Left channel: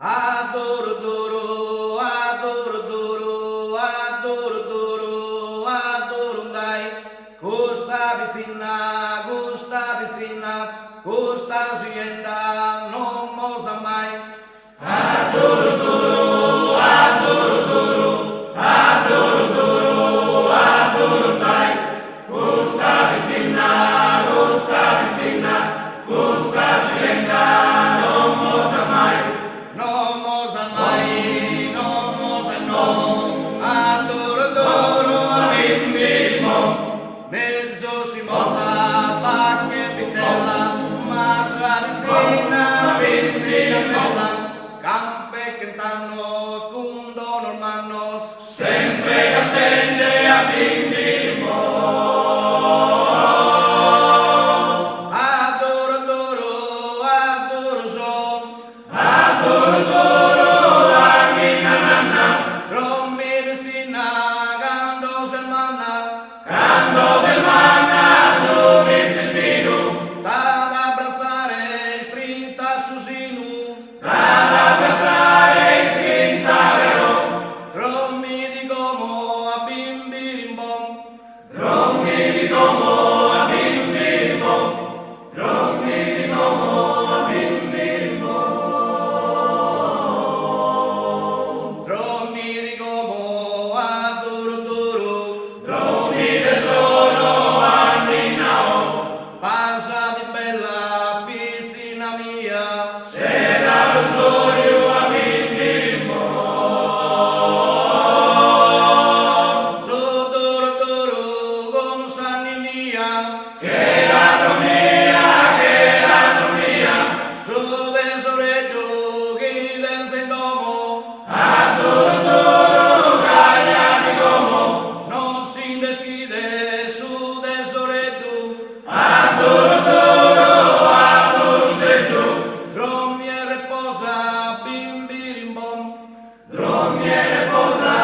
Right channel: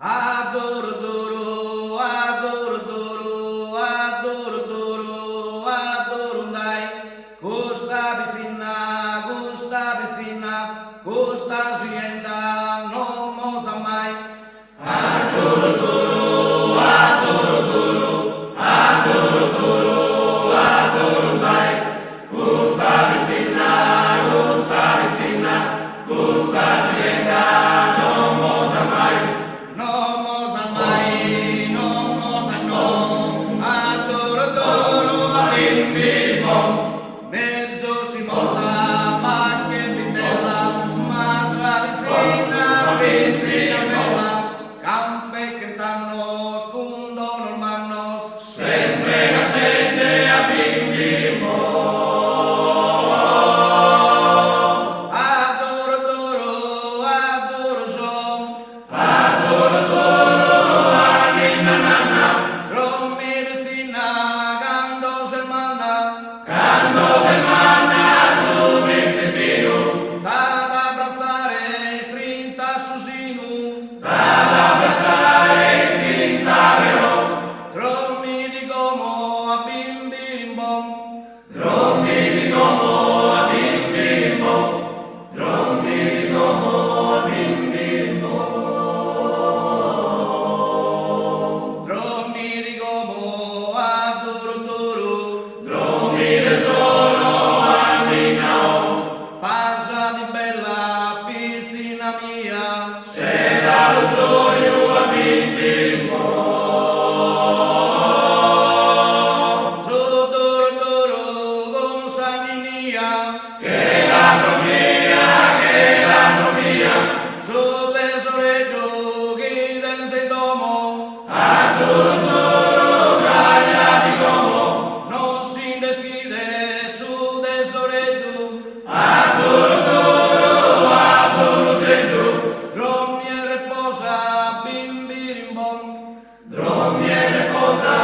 Adoro, adoro, adoro, adoro, adoro, adoro, adoro, dai. Gusta vicina, gusta sienda, no moza mai. Adoro, adoro, adoro, adoro, adoro, adoro, adoro, dai. Gusta vicina, gusta sienda, no moza mai. No moza mai, no moza no. Adoro, adoro, bimbi bom. Mezzo si moza, pacche vitella, ma vicina, vicina bella. Campe cantano, spundono manos, sempre attende a bimbi Adoro, adoro, adoro son. Adoro, adoro, anche nanana. Rommi vicina, gando semana. Gando semana, su principino. T'ad abbracciare, strinta susinu. T'ad abbracciare, strinta vero. Rommi di gomo a bimbi rimbom. Rommi di gomo a bimbi rimbom. Rommi di gomo a bimbi rimbom. Rommi di gomo a duro duro. Rommi tesoro a minao. Passa di bella piscina mia. Sera lo soglio a bimbi rimbom. Su duro duro con sanninia. Che l'andromia, su tesoretto che dense in domo. Adoro, adoro, caglia di gomo, non si deschide su tesoretto. Adoro, adoro, adoro, sento. Rommi e reposa, bimbi rimbom. Rommi e reposa,